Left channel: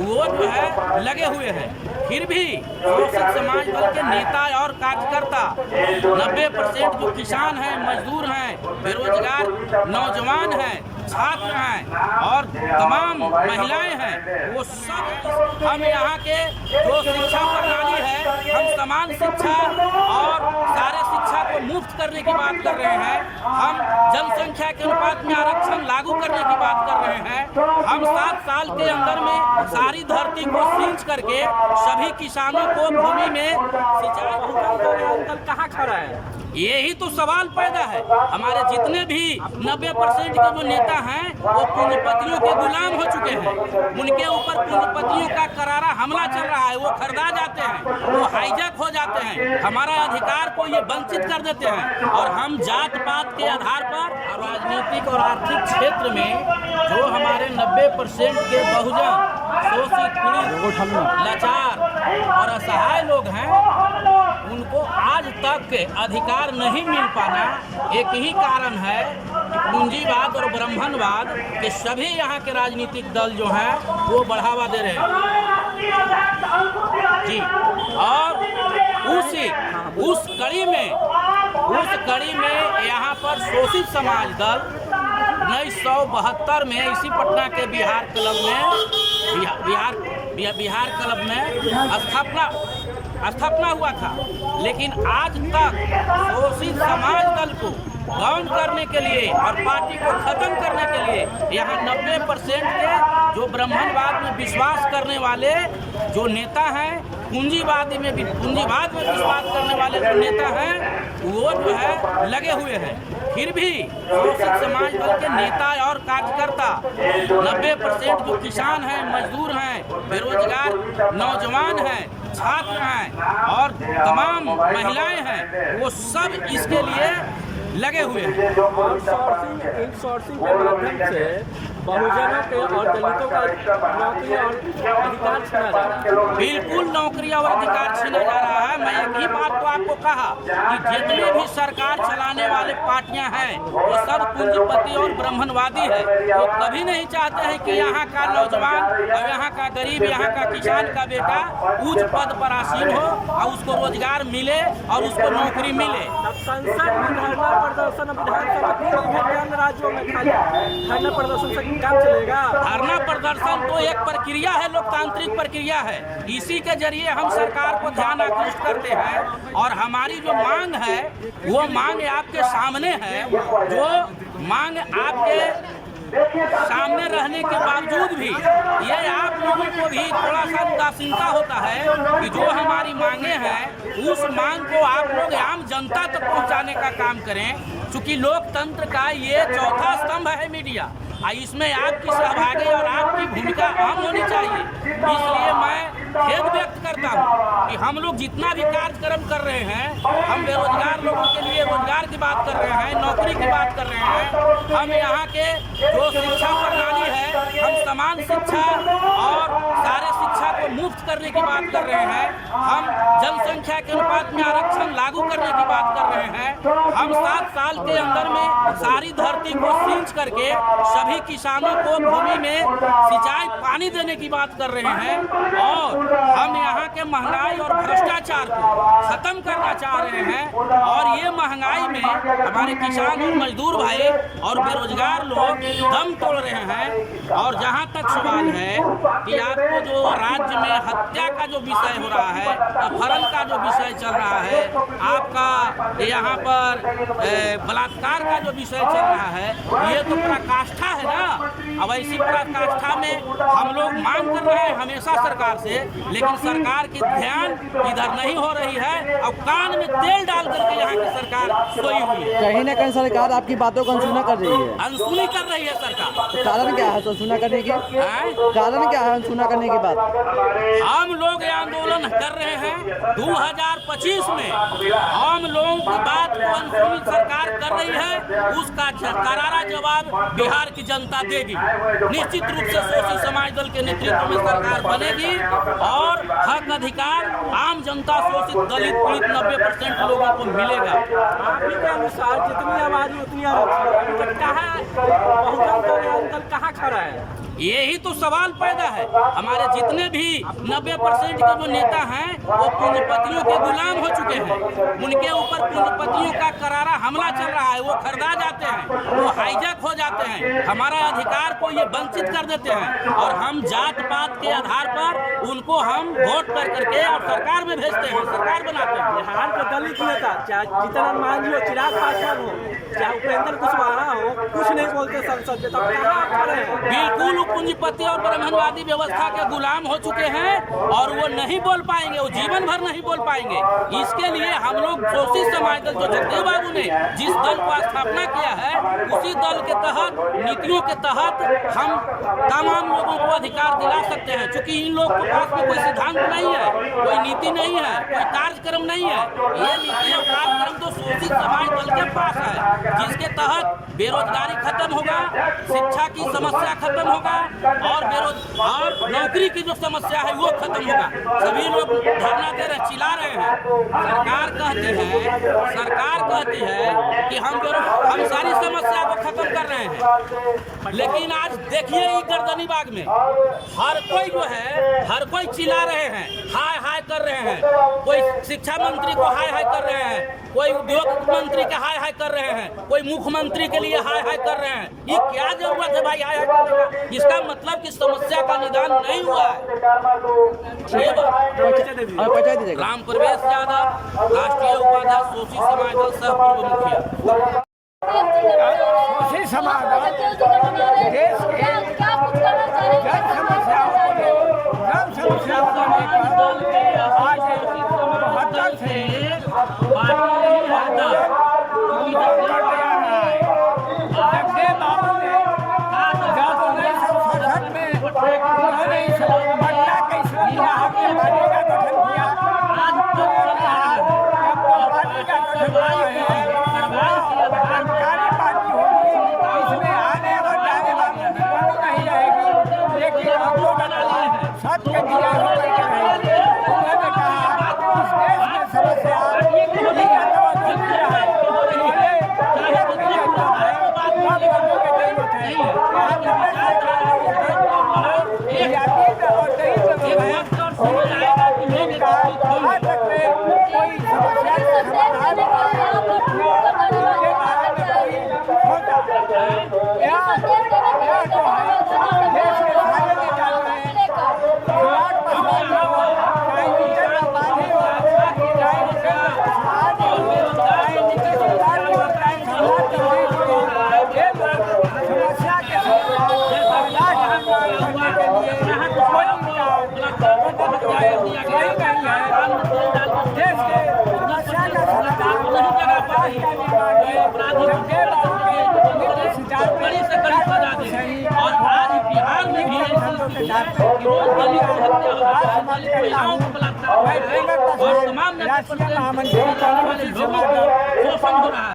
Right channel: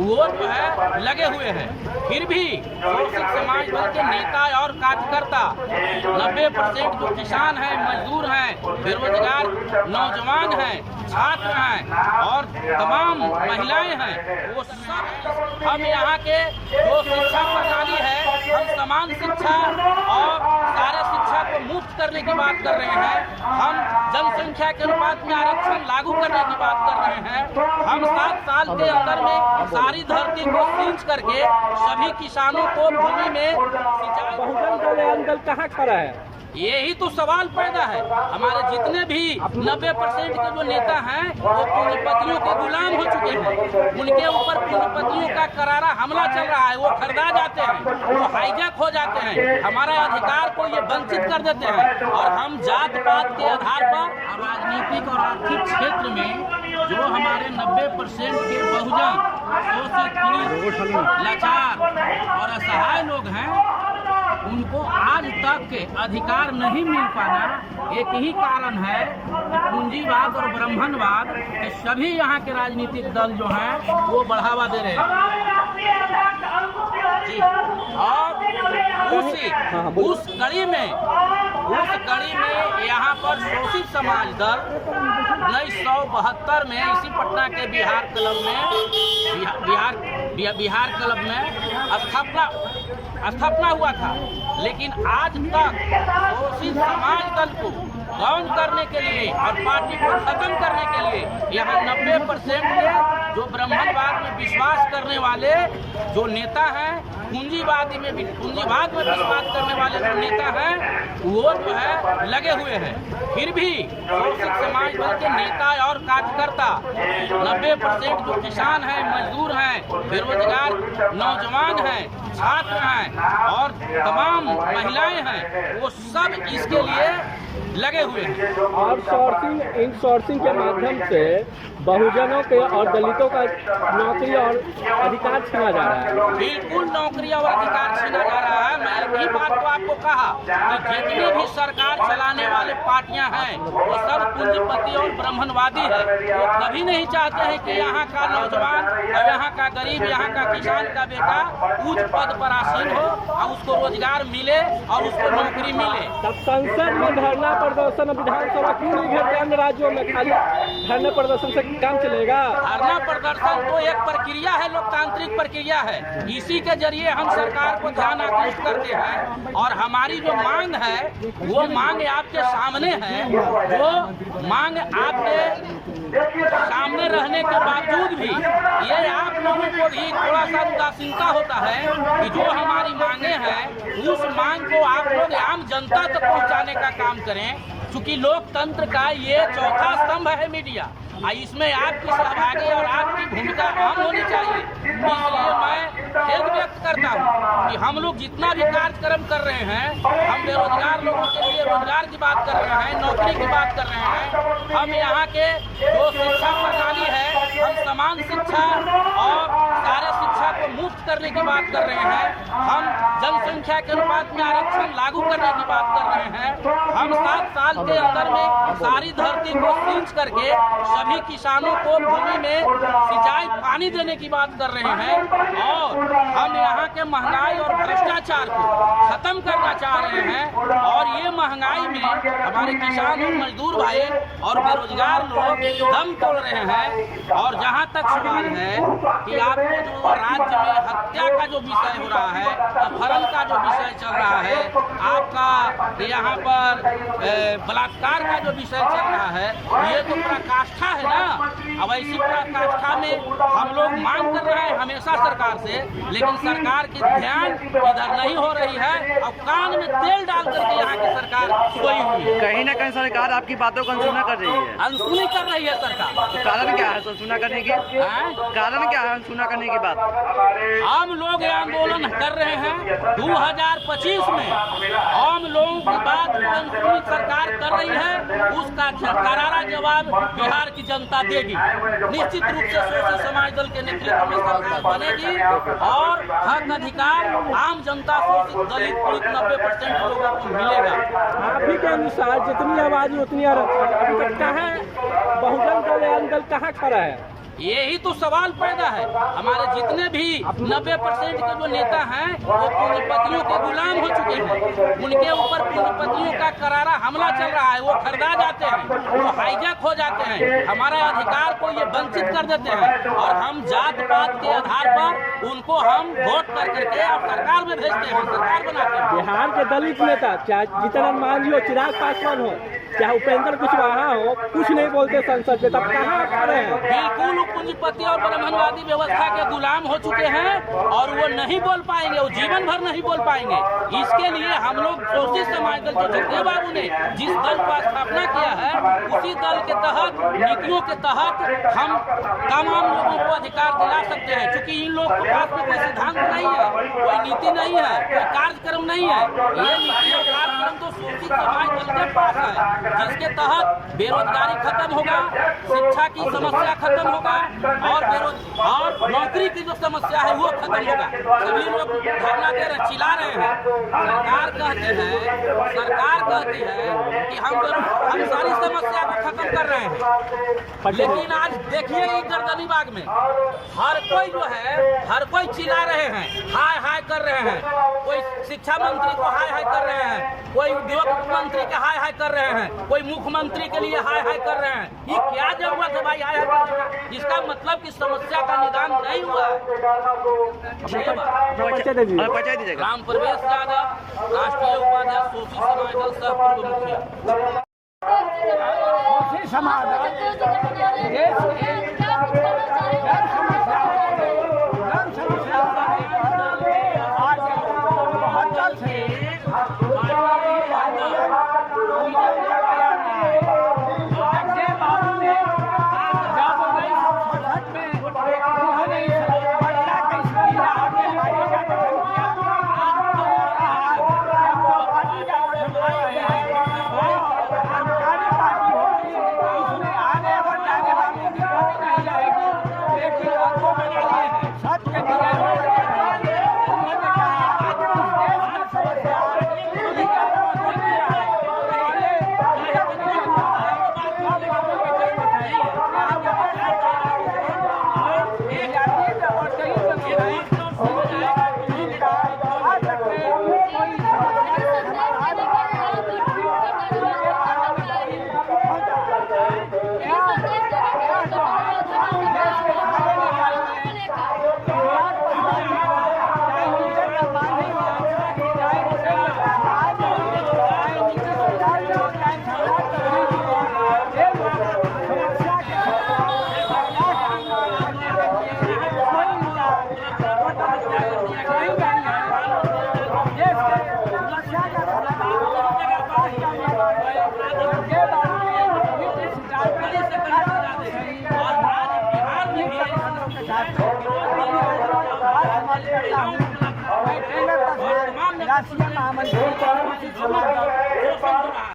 वो जो है लगे हुए हैं। फिर भी शोषित समाज दल के नेता और कार्यकर्ता 90% जो किसान हैं, मजदूर हैं, बेरोजगार नौजवान हैं, छात्र हैं और तमाम महिलाएं हैं, वो सब हम यहाँ के जो शिक्षा प्रणाली है, हम समान शिक्षा और सारे शिक्षा को मुफ्त करने की बात कर रहे हैं। हम जनसंख्या के अनुपात में आरक्षण लागू करने की बात कर रहे हैं। हम 7 साल के अंदर में सारी धरती को सींच करके सभी किसानों को भूमि में सिंचाई। अंकल कहाँ खड़ा है? यही तो सवाल पैदा है। हमारे जितने भी 90% के जो नेता हैं वो पूंजीपतियों के गुलाम हो चुके हैं। उनके ऊपर पूंजीपतियों का करारा हमला चल रहा है। वो खरीदा जाते हैं, वो हाईजैक हो जाते हैं, हमारा अधिकार को ये वंचित कर देते हैं। और हम जात पात के आधार पर राजनीतिक और आर्थिक क्षेत्र में जो हमारे 90% के बहुजन शोषित, पीड़ित, लाचार और असहाय लोग हैं, उनको आज तक अधिकार नहीं मिल पाना एक ही कारण है कि पूंजीवाद और ब्राह्मणवाद के सभी यहाँ के राजनीतिक दल जो हैं वो बढ़ावा दे रहे हैं जी। और उस कड़ी में यहाँ पर शोषित समाज दल 1972 में इसी पटना के बिहार क्लब में स्थापना हुआ था। लेकिन आज तक शोषित समाज दल को डाउन करने के लिए और पार्टी को खत्म करने के लिए यहाँ 90% के जो ब्राह्मणवाद में विश्वास करने वाले जो नेता हैं, पूंजीवाद में विश्वास करने वाले जो नेता हैं, वो जो है लगे हुए हैं। फिर भी शोषित समाज दल के नेता और कार्यकर्ता 90% जो किसान हैं, मजदूर हैं, बेरोजगार नौजवान हैं, छात्र हैं और तमाम महिलाएं हैं, वो सब इसके लिए लगे हुए हैं। और इनसोर्सिंग के माध्यम से बहुजनों के और दलितों का नौकरी और अधिकार छीना जा रहा है। बिल्कुल नौकरी और अधिकार छीना जा रहा है। मैं एक ही बात को आपको कहा कि जितने भी सरकार चलाने वाले पार्टियां हैं वो सब पूंजीपति और ब्राह्मणवादी है। वो कभी नहीं चाहते हैं कि यहाँ का नौजवान और यहाँ का गरीब, यहाँ का किसान का बेटा उच्च पद पर आसीन हो और उसको रोजगार मिले और उसको नौकरी मिले। तब संसद में धरना प्रदर्शन, विधानसभा पूरे अन्य राज्यों में खाली धरना प्रदर्शन से काम चलेगा? धरना प्रदर्शन तो एक प्रक्रिया है, लोकतांत्रिक प्रक्रिया है। इसी के जरिए हम सरकार को ध्यान आकृष्ट करते हैं और हमारी जो मांग है वो मांग आपके सामने है। जो मांग आपके सामने रहने के बावजूद भी ये आप लोगों को भी थोड़ा सा उदासीनता होता है कि जो हमारी मांगे हैं उस मांग को आप लोग आम जनता तक पहुंचाने का काम करें। चूंकि लोकतंत्र का ये चौथा स्तंभ है मीडिया, इसमें आपकी सहभागी और आपकी भूमिका अहम होनी चाहिए। इसलिए मैं खेद व्यक्त करता हूँ कि हम लोग जितना भी कार्यक्रम कर रहे हैं, हम बेरोजगार लोगों के लिए रोजगार की बात कर रहे हैं, नौकरी की बात कर रहे हैं। हम यहाँ के जो शिक्षा प्रणाली है, हम समान शिक्षा और सारे शिक्षा को मुफ्त करने की बात कर रहे हैं। हम जनसंख्या के अनुपात में आरक्षण लागू करने की बात कर रहे हैं। हम 7 साल के अंदर में सारी धरती को सींच करके सभी किसानों को भूमि में सिंचाई पानी देने की बात कर रहे हैं। और हम यहाँ के महंगाई और भ्रष्टाचार को खत्म करना चाह रहे हैं। और ये महंगाई में हमारे किसान और मजदूर भाई और बेरोजगार लोग दम तोड़ रहे हैं। और जहाँ तक सवाल है कि आपको जो राज्य में हत्या का जो विषय हो रहा है, अपहरण का जो विषय चल रहा है, आपका यहाँ पर बलात्कार का जो विषय चल रहा है, ये तो पराकाष्ठा है ना। अब ऐसी पराकाष्ठा में हम लोग मांग कर रहे हैं हमेशा सरकार से, लेकिन सरकार की ध्यान इधर नहीं हो रही है और कान में तेल डाल करके यहाँ की सरकार सोई हुई है। कहीं ना कहीं सरकार आपकी बातों को अनसुना कर रही है। अनसुनी कर रही है सरकार। तो कारण क्या है अनसुना करने की? कारण क्या है अनसुना करने की बात? हम लोग ये आंदोलन कर रहे हैं 2025 में। हम लोगों की बात को अनसुनी सरकार कर रही है, उसका करारा जवाब बिहार की जनता देगी। निश्चित रूप से शोषित समाज दल के नेतृत्व में सरकार बनेगी और हक अधिकार आम जनता, शोषित, दलित, पीड़ित 90% लोगों को मिलेगा। आप ही के अनुसार जितनी आबादी उतनी आरक्षण। अभी तक क्या है बहुजन दल अंकल कहाँ खड़ा है? यही तो सवाल पैदा है। हमारे जितने भी 90% के जो नेता हैं वो पूंजीपतियों के गुलाम हो चुके हैं। उनके ऊपर पूंजीपतियों का करारा हमला चल रहा है। वो खरीदा जाते हैं, वो हाईजैक हो जाते हैं, हमारा अधिकार को ये वंचित कर देते हैं और हम जात पात के आधार पर उनको हम वोट कर करके और सरकार में भेजते हैं, सरकार बनाते हैं। बिहार के दलित नेता चाहे जीतन मांझी हो, चिराग पासवान हो, चाहे उपेंद्र कुशवाहा हो, कुछ नहीं बोलते संसद में, तब कहाँ खड़े हैं? बिल्कुल पूंजीपति और ब्राह्मणवादी व्यवस्था के गुलाम हो चुके हैं और वो नहीं बोल पाएंगे, वो जीवन भर नहीं बोल पाएंगे। इसके लिए हम लोग शोषित समाज दल, जो जगदेव बाबू ने जिस दल को स्थापना किया है, उसी दल के तहत, नीतियों के तहत हम तमाम लोगों को अधिकार दिला सकते हैं। क्योंकि इन लोगों के पास में कोई सिद्धांत नहीं है, कोई नीति नहीं है, कोई कार्यक्रम नहीं है। ये नीति और कार्यक्रम तो शोषित समाज दल के पास है, जिसके तहत बेरोजगारी खत्म होगा, शिक्षा की समस्या खत्म होगा और नौकरी की जो समस्या है वो खत्म होगा। सभी लोग धरना दे रहे, चिल्ला रहे हैं। सरकार कहती है कि हम सारी समस्या को खत्म कर रहे हैं, लेकिन आज देखिए ये गर्दनी बाग में हर कोई चिल्ला रहे हैं, हाय हाय कर रहे हैं। कोई शिक्षा मंत्री को हाय हाय कर रहे हैं, कोई उद्योग मंत्री के हाय हाय कर रहे हैं, कोई मुख्यमंत्री के लिए हाय हाय कर रहे हैं। ये क्या जरूरत है भाई हाय हाय करने का? इसका मतलब कि समस्या का निदान नहीं हुआ है। ये बात राम प्रवेश यादव, राष्ट्रीय उपाध्यक्ष, शोषित समाज दल, सह पूर्व मुखिया। शोषित समाज देश के जन समस्याओं को लेकर आज 72 से करते जा रहा है। जगदेव बाबू ने जब 1967 में उन्होंने पटना के ईश्वरी राहत में पार्टी का गठन किया, तो कहा जब तो पार्टी का गठन कर रहे हैं क्रांतिकारी पार्टी होगी, इसमें आने और जाने वालों की कमी नहीं रहेगी, लेकिन अंगों में सत्य विजय होकर के रहेगी। उन्होंने कहा इस देश में समस्या सही नहीं है। देश के समस्या का समाधान, राष्ट्र का निर्माण जगदेव बाबू के नीति सिद्धांत सही और के साथ समाप्त करता हूँ। मैं राष्ट्रीय महामंत्री